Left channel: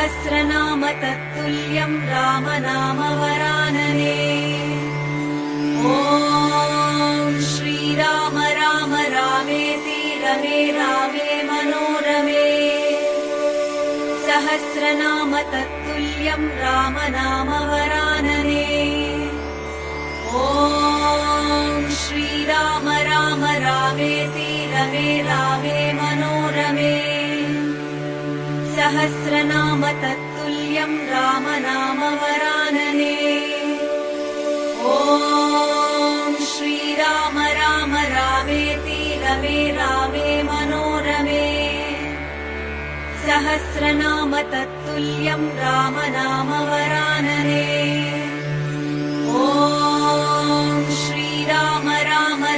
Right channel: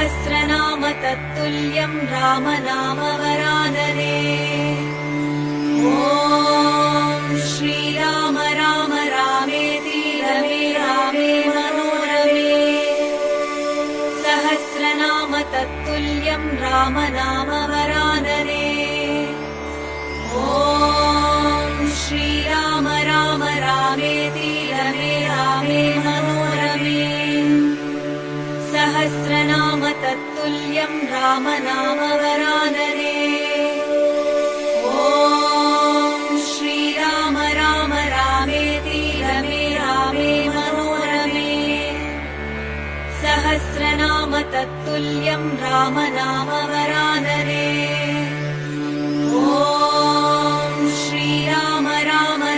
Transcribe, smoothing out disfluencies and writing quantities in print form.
सहस्रनाम तत्तुल्यं रामनाम वरानने। ॐ श्रीराम राम रामेति रमे रामे मनोरमे। सहस्रनाम तत्तुल्यं रामनाम वरानने। ॐ श्रीराम राम रामेति रमे रामे मनोरमे। सहस्रनाम तत्तुल्यं रामनाम